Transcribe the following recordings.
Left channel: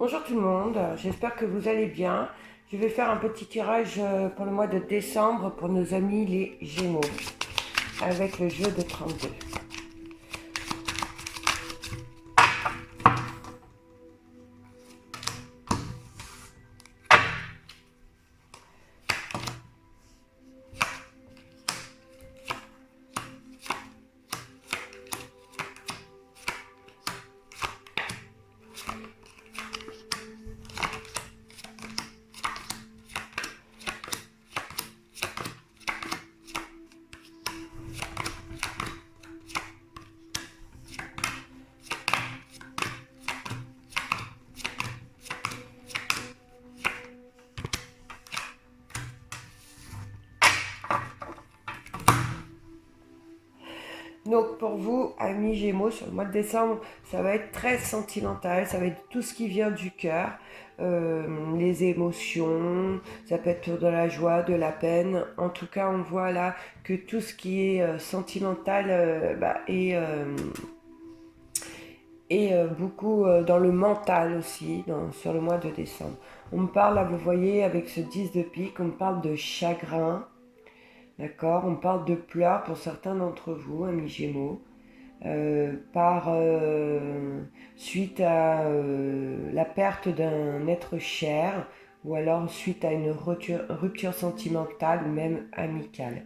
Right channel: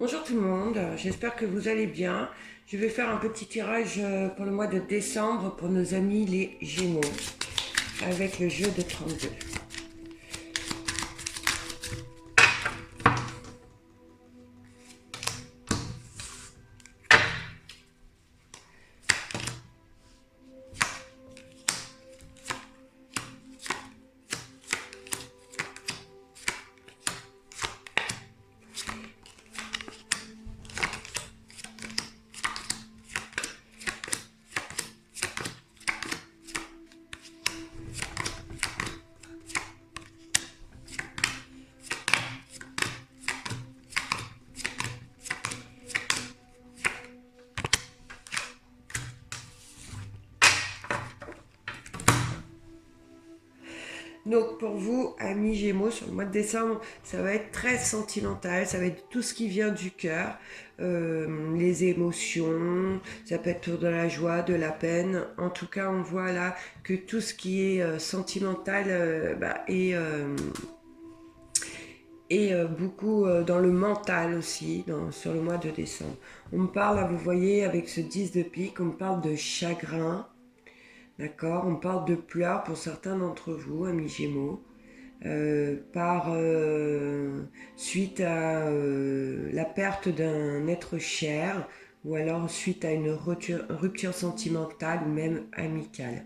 Bonjour tout le monde, j'espère que vous allez bien. Je vais faire un petit tirage pour le mois de décembre pour nos amis les Gémeaux avec le jeu de 32. Donc pour vous, amis Gémeaux, sur le mois de décembre, ça va être très sentimental, ça va être tout ce qui vient du cœur, les émotions, ça peut être de la joie, de la peine. En tout cas, on voit là que tout ce qui est sentimental est beaucoup dans le mental aussi, sur le mois de décembre. On me parle, là vous voyez, avec ce 10 de pique, on me parle de chagrin, d'accord. On parle de pleurs pour certains d'entre vous, amis Gémeaux, suite à la perte d'un être cher, ou alors suite à une rupture sentimentale ou même amicale.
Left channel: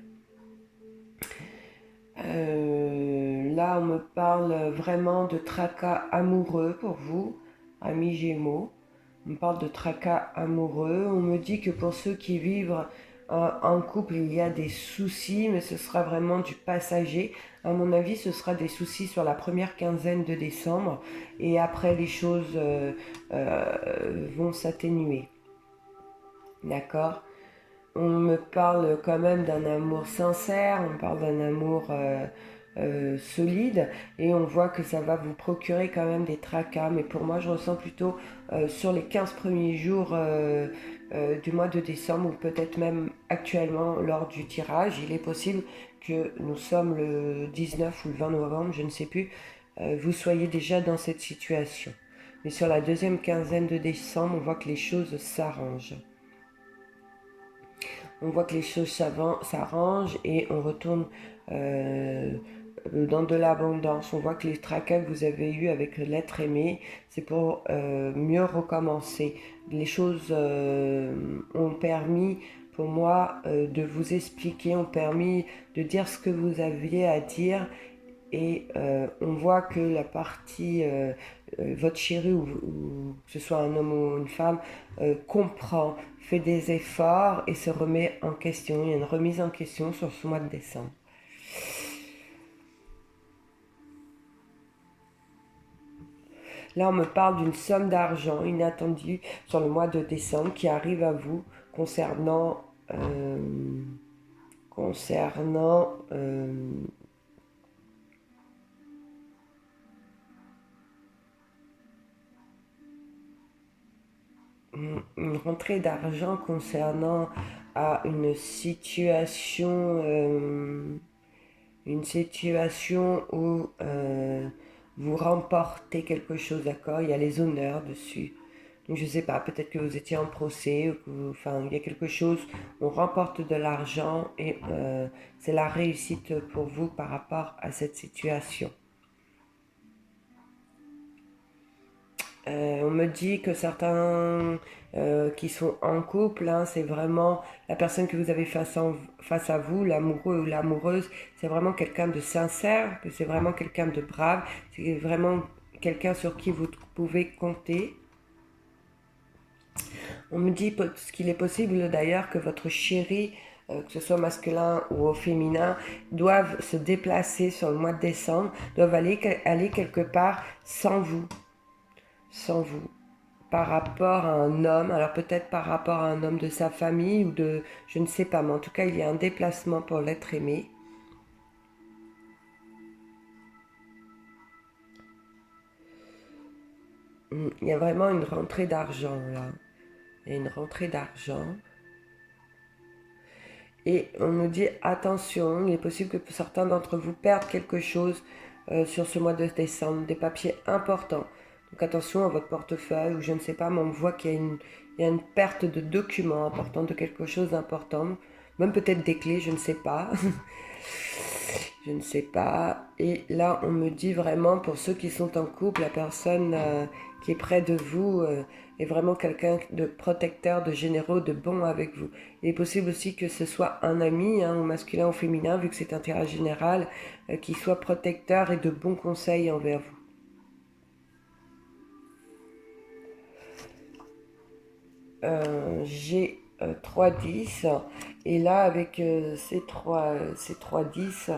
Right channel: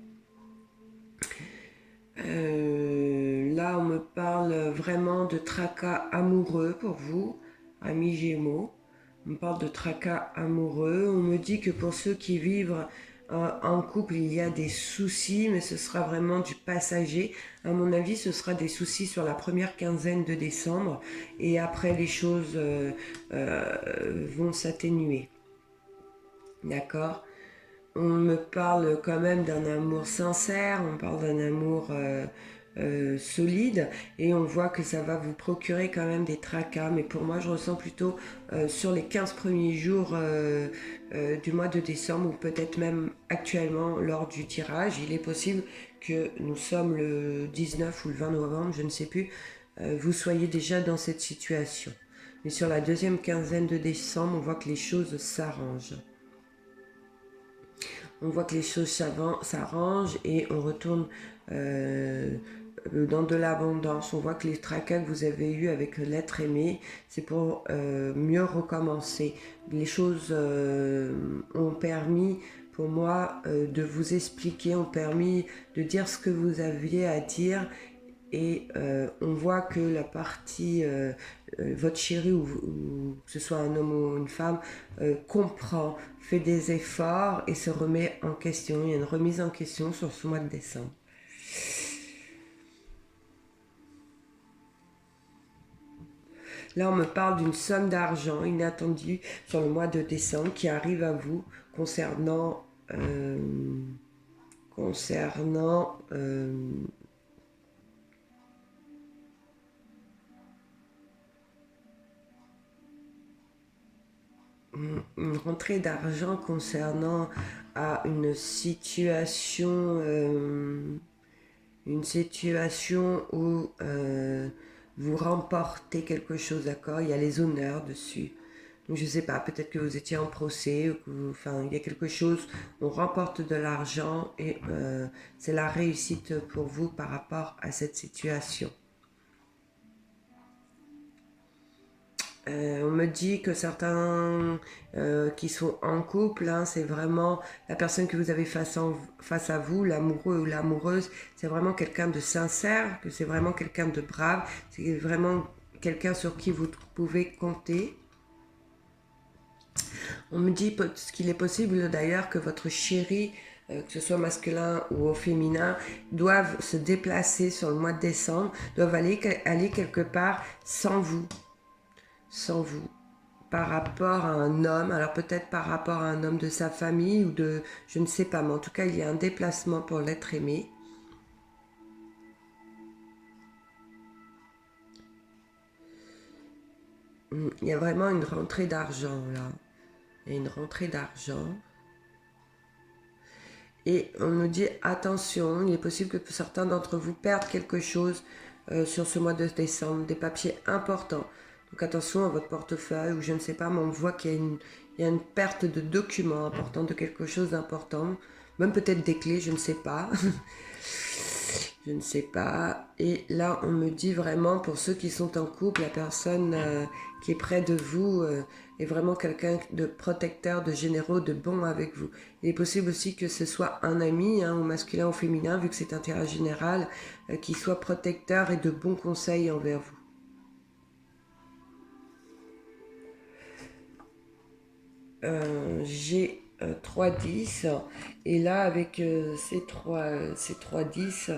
Là, on me parle vraiment de tracas amoureux pour vous, amis Gémeaux. On me parle de tracas amoureux. On me dit que pour ceux qui vivent en couple, il y a des soucis, mais ce sera vraiment du passager. À mon avis, ce sera des soucis sur la première quinzaine de décembre. Et après, les choses vont s'atténuer. D'accord ? On me parle quand même d'un amour sincère, on parle d'un amour solide, et on voit que ça va vous procurer quand même des tracas. Mais pour moi, je ressens plutôt sur les 15 premiers jours du mois de décembre, ou peut-être même actuellement lors du tirage. Il est possible que nous sommes le 19 ou le 20 novembre, je ne sais plus, vous soyez déjà dans cette situation. Mais sur la deuxième quinzaine de décembre, on voit que les choses s'arrangent. On voit que les choses s'arrangent et on retourne dans de l'abondance. On voit que les tracas que vous avez eus avec l'être aimé, c'est pour mieux recommencer. Les choses ont permis pour moi de vous expliquer, ont permis de dire ce que vous aviez à dire. Et on voit que la partie, votre chéri, ou que ce soit un homme ou une femme, comprend, fait des efforts et se remet en question. Il y a une remise en question sur ce mois de décembre. Là, on me parle d'une somme d'argent inattendue sur le mois de décembre qui arrive à vous concernant une rentrée d'argent concernant à une situation où vous remportez quelque chose, d'accord. Il y a les honneurs dessus. Donc je sais pas, peut-être que vous étiez en procès, ou il y a quelque chose, on remporte de l'argent et c'est la réussite pour vous par rapport à cette situation. On me dit que certains qui sont en couple, hein, c'est vraiment la personne que vous avez face à vous, l'amoureux ou l'amoureuse, c'est vraiment quelqu'un de sincère, que c'est vraiment quelqu'un de brave, c'est vraiment quelqu'un sur qui vous pouvez compter. On me dit qu'il est possible d'ailleurs que votre chéri, que ce soit masculin ou au féminin, doivent se déplacer sur le mois de décembre, doivent aller quelque part sans vous, par rapport à un homme, alors peut-être par rapport à un homme de sa famille ou de, je ne sais pas, mais en tout cas il y a un déplacement pour l'être aimé. Il y a vraiment une rentrée d'argent là, il y a une rentrée d'argent. Et on nous dit attention, il est possible que certains d'entre vous perdent quelque chose sur ce mois de décembre, des papiers importants. Donc attention à votre portefeuille ou je ne sais pas, mais on voit qu'il y a une perte de documents importants, de quelque chose d'important. Même peut-être des clés, je ne sais pas. Je ne sais pas. Et là, on me dit vraiment, pour ceux qui sont en couple, la personne qui est près de vous est vraiment quelqu'un de protecteur, de généreux, de bon avec vous. Il est possible aussi que ce soit un ami, ou masculin ou féminin, vu que c'est un tirage général, qui soit protecteur et de bons conseils envers vous. J'ai 3 10 et là avec ces 3 10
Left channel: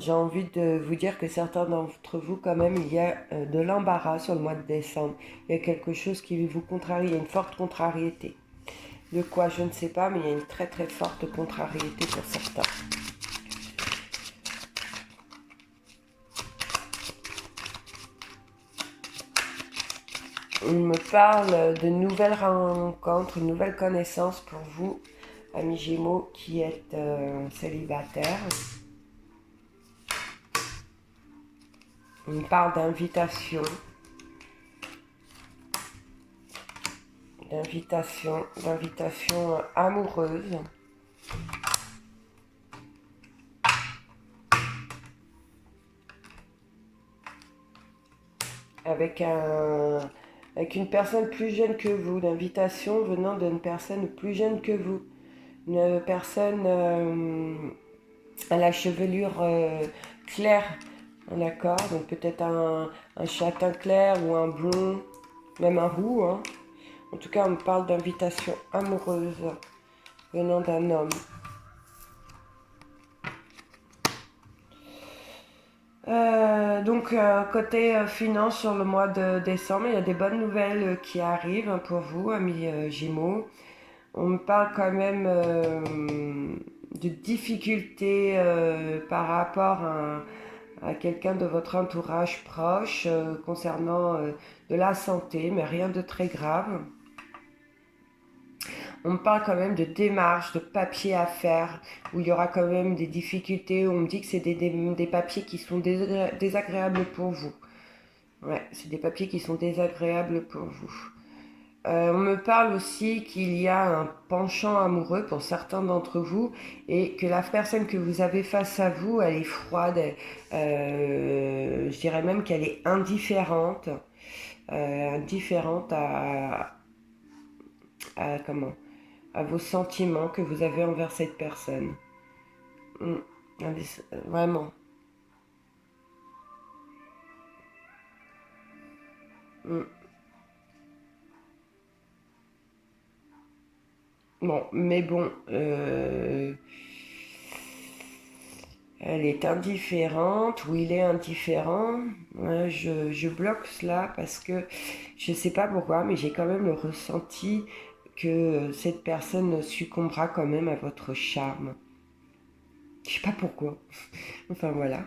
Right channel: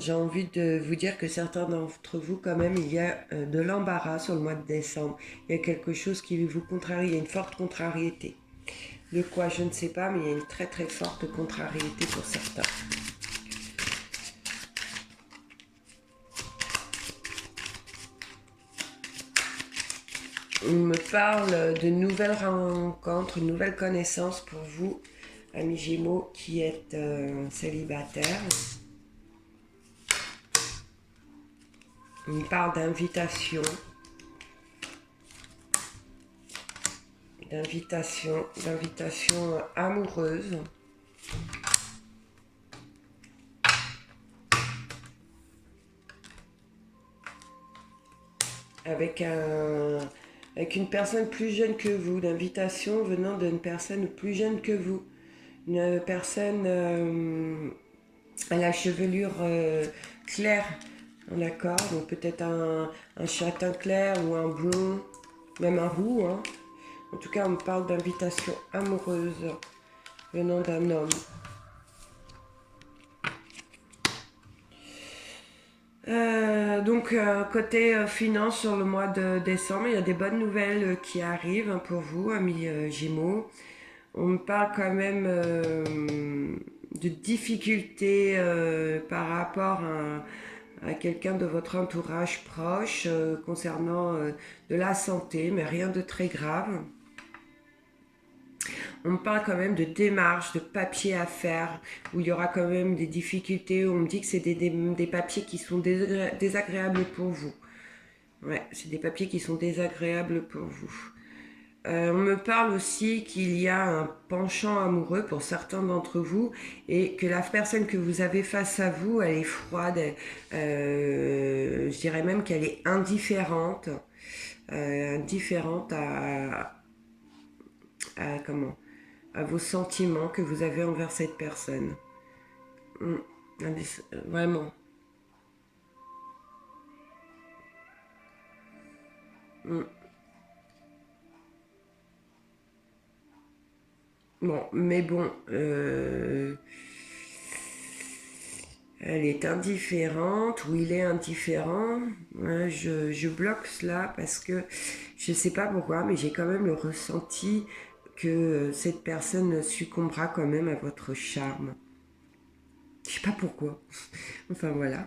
j'ai envie de vous dire que certains d'entre vous quand même il y a de l'embarras sur le mois de décembre, il y a quelque chose qui vous contrarie, il y a une forte contrariété, de quoi je ne sais pas, mais il y a une très très forte contrariété pour certains. On me parle de nouvelles rencontres, une nouvelle connaissance pour vous, amis Gémeaux, qui êtes célibataires. On me parle d'invitation, d'invitation amoureuse. Avec une personne plus jeune que vous, l'invitation venant d'une personne plus jeune que vous, une personne à la chevelure claire, d'accord, donc peut-être un châtain clair ou un blond, même un roux, hein. En tout cas, on me parle d'invitation amoureuse venant d'un homme. Donc côté finance sur le mois de décembre, il y a des bonnes nouvelles qui arrivent pour vous, amis Gémeaux. On me parle quand même de difficultés par rapport à quelqu'un de votre entourage proche concernant de la santé, mais rien de très grave. On me parle quand même de démarches, de papiers à faire, où il y aura quand même des difficultés. On me dit que c'est des papiers qui sont désagréables pour vous. Ouais, c'est des papiers qui sont désagréables pour vous. On me parle aussi qu'il y a un penchant amoureux pour certains d'entre vous et que la personne que vous avez face à vous, elle est froide. Je dirais même qu'elle est indifférente. Indifférente comment, à vos sentiments que vous avez envers cette personne. Vraiment. Bon, mais bon, elle est indifférente ou il est indifférent. Ouais, je bloque cela parce que je ne sais pas pourquoi, mais j'ai quand même le ressenti que cette personne succombera quand même à votre charme. Je sais pas pourquoi. Enfin voilà.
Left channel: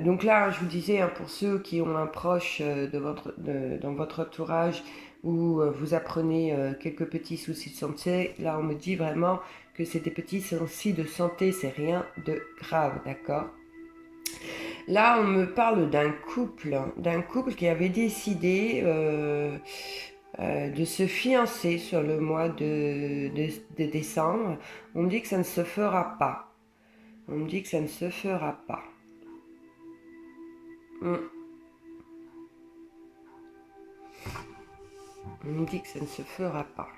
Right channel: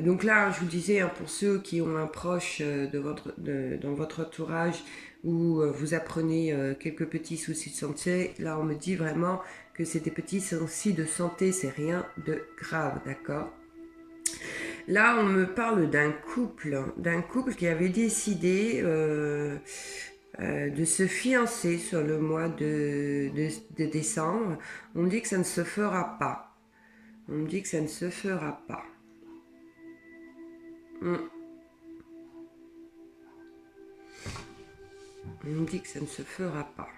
Donc là, je vous disais, hein, pour ceux qui ont un proche dans votre entourage où vous apprenez quelques petits soucis de santé, là on me dit vraiment que c'est des petits soucis de santé, c'est rien de grave, d'accord? Là, on me parle d'un couple qui avait décidé de se fiancer sur le mois de décembre. On me dit que ça ne se fera pas. On me dit que ça ne se fera pas. On me dit que ça ne se fera pas.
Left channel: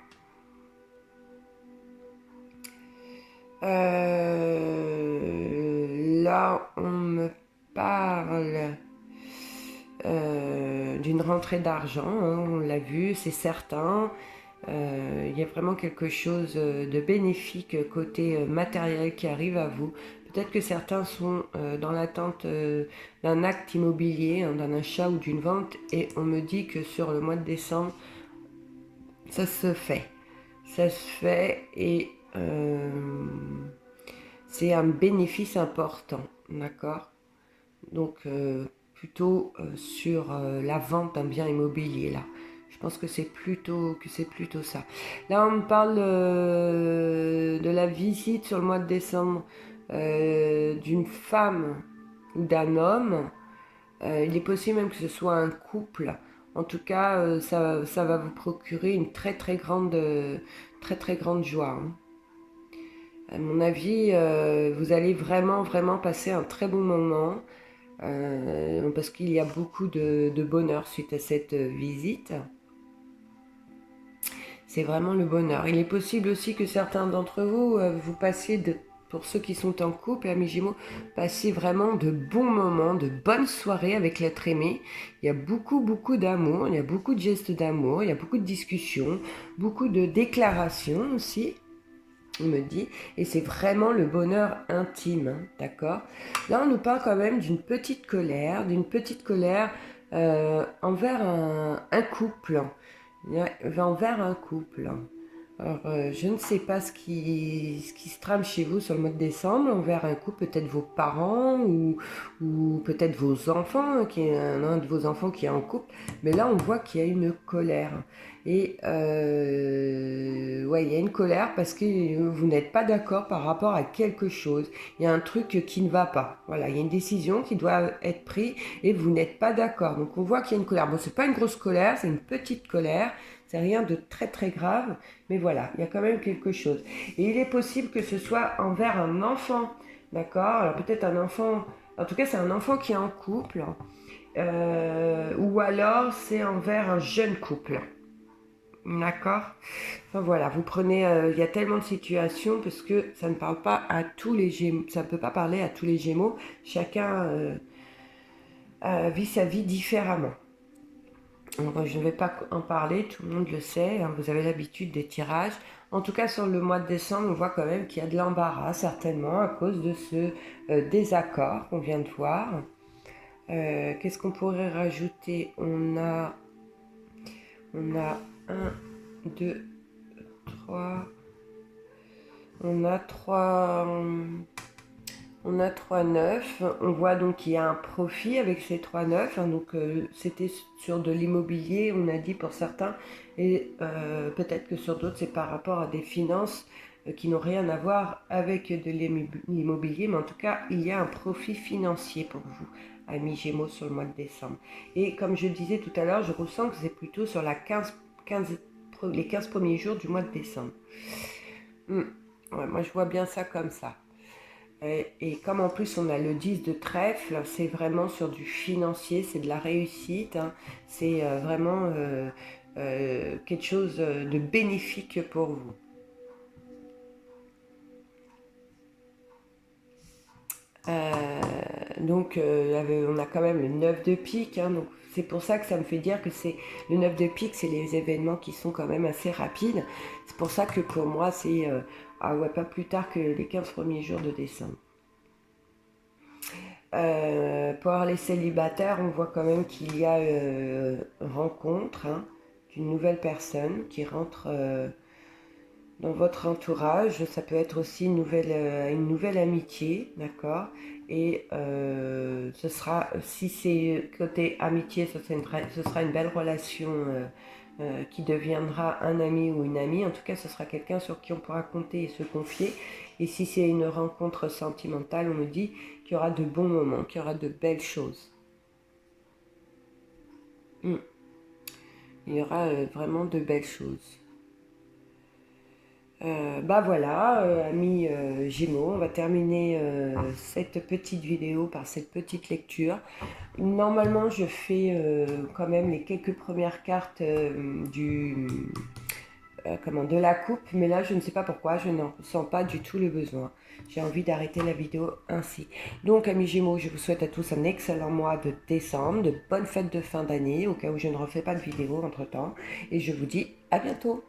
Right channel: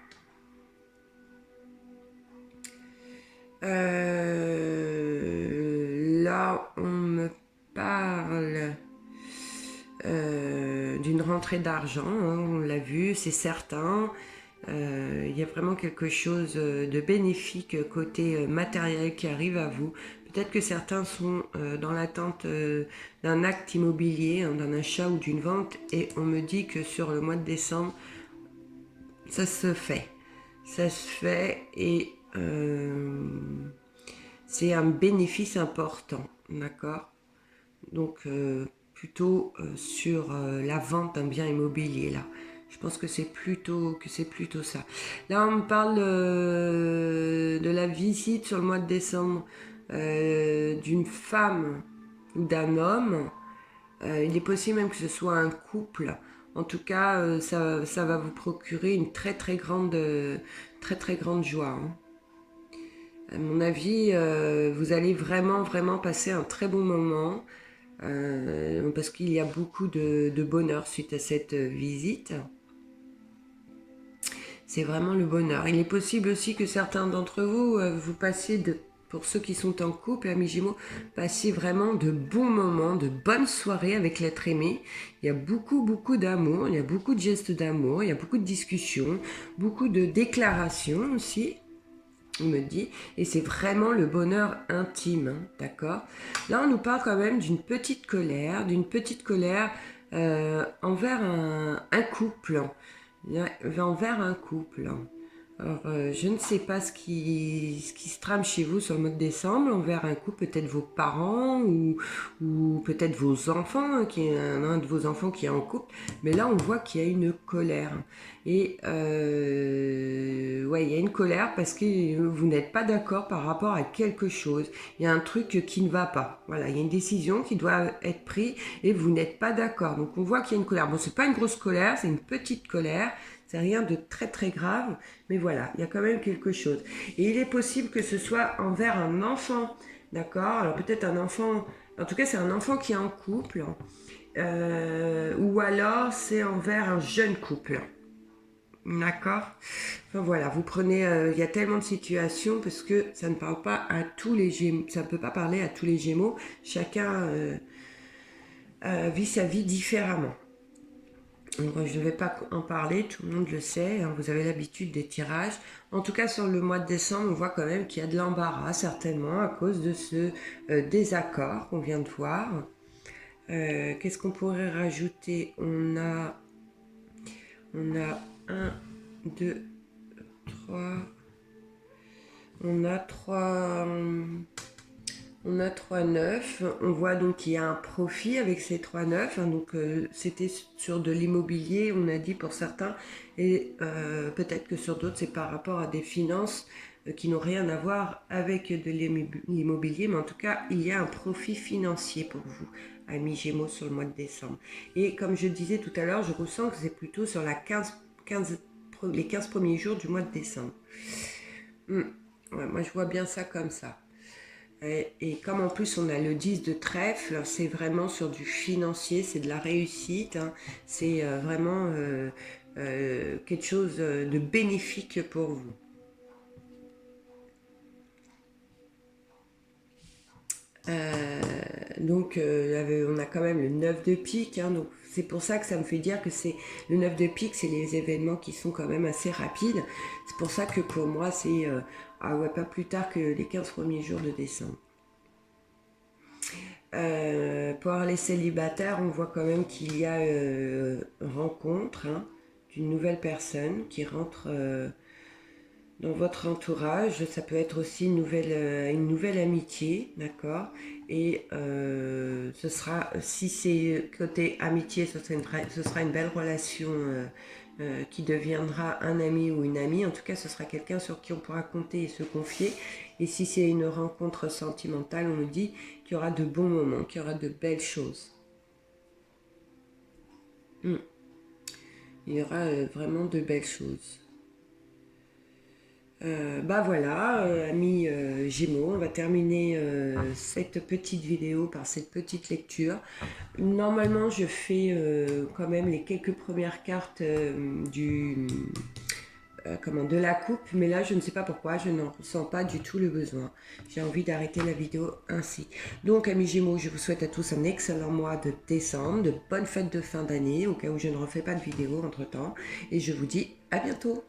Là, on me parle d'une rentrée d'argent, hein, on l'a vu, c'est certain. Il y a vraiment quelque chose de bénéfique côté matériel qui arrive à vous. Peut-être que certains sont dans l'attente d'un acte immobilier, hein, d'un achat ou d'une vente, et on me dit que sur le mois de décembre, ça se fait. Ça se fait et c'est un bénéfice important, d'accord? Donc plutôt sur la vente d'un bien immobilier là. Je pense que c'est plutôt ça. Là, on me parle de la visite sur le mois de décembre d'une femme ou d'un homme Il est possible même que ce soit un couple. En tout cas, ça va vous procurer une très grande joie, hein. À mon avis, vous allez vraiment passer un très bon moment parce qu'il y a beaucoup de bonheur suite à cette visite. C'est vraiment le bonheur. Il est possible aussi que certains d'entre vous, vous passiez, pour ceux qui sont en couple, amis Gémeaux, passiez vraiment de bons moments, de bonnes soirées avec l'être aimé. Il y a beaucoup d'amour, il y a beaucoup de gestes d'amour, il y a beaucoup de discussions, beaucoup de déclarations aussi, on me dit, et c'est vraiment le bonheur intime, hein, d'accord? Là, on nous parle quand même d'une petite colère envers un couple. Envers un couple. Alors, je ne sais pas ce qui se trame chez vous sur le mois de décembre, envers un couple, peut-être vos parents ou peut-être vos enfants, hein, un de vos enfants qui est en couple, mais là on voit qu'il y a une colère. Et ouais, il y a une colère parce que vous n'êtes pas d'accord par rapport à quelque chose. Il y a un truc qui ne va pas. Voilà, il y a une décision qui doit être prise et vous n'êtes pas d'accord. Donc on voit qu'il y a une colère. Bon, c'est pas une grosse colère, c'est une petite colère. C'est rien de très grave, mais voilà, il y a quand même quelque chose. Et il est possible que ce soit envers un enfant, d'accord? Alors peut-être un enfant, en tout cas c'est un enfant qui est en couple, ou alors c'est envers un jeune couple, d'accord? Enfin voilà, vous prenez, il y a tellement de situations parce que ça ne parle pas à tous les Gémeaux, ça ne peut pas parler à tous les Gémeaux, chacun vit sa vie différemment. Donc, je ne vais pas en parler, tout le monde le sait, hein, vous avez l'habitude des tirages. En tout cas, sur le mois de décembre, on voit quand même qu'il y a de l'embarras, certainement, à cause de ce désaccord qu'on vient de voir. Qu'est-ce qu'on pourrait rajouter? On a 1, 2, 3... On a 3... On a 3,9. On voit donc qu'il y a un profit avec ces 3,9. Hein, donc c'était sur de l'immobilier, on a dit pour certains, et peut-être que sur d'autres c'est par rapport à des finances qui n'ont rien à voir avec de l'immobilier, mais en tout cas il y a un profit financier pour vous, amis Gémeaux, sur le mois de décembre. Et comme je le disais tout à l'heure, je ressens que c'est plutôt sur les 15 premiers jours du mois de décembre. Ouais, moi je vois bien ça comme ça. Et comme en plus on a le 10 de trèfle, c'est vraiment sur du financier, c'est de la réussite, hein, c'est vraiment quelque chose de bénéfique pour vous. Donc on a quand même le 9 de pique, hein, donc c'est pour ça que ça me fait dire que c'est le 9 de pique, c'est les événements qui sont quand même assez rapides. C'est pour ça que pour moi c'est pas plus tard que les 15 premiers jours de décembre. Pour les célibataires, on voit quand même qu'il y a rencontre, hein, d'une nouvelle personne qui rentre dans votre entourage. Ça peut être aussi une nouvelle amitié, d'accord? Et ce sera, si c'est côté amitié, ce sera une belle relation qui deviendra un ami ou une amie. En tout cas, ce sera quelqu'un sur qui on pourra compter et se confier. Et si c'est une rencontre sentimentale, on nous dit qu'il y aura de bons moments, qu'il y aura de belles choses. Il y aura vraiment de belles choses. Voilà, amis Gémeaux, on va terminer cette petite vidéo par cette petite lecture. Normalement, je fais quand même les quelques premières cartes de la coupe, mais là, je ne sais pas pourquoi, je n'en ressens pas du tout le besoin. J'ai envie d'arrêter la vidéo ainsi. Donc, amis Gémeaux, je vous souhaite à tous un excellent mois de décembre, de bonnes fêtes de fin d'année, au cas où je ne refais pas de vidéo entre-temps. Et je vous dis à bientôt.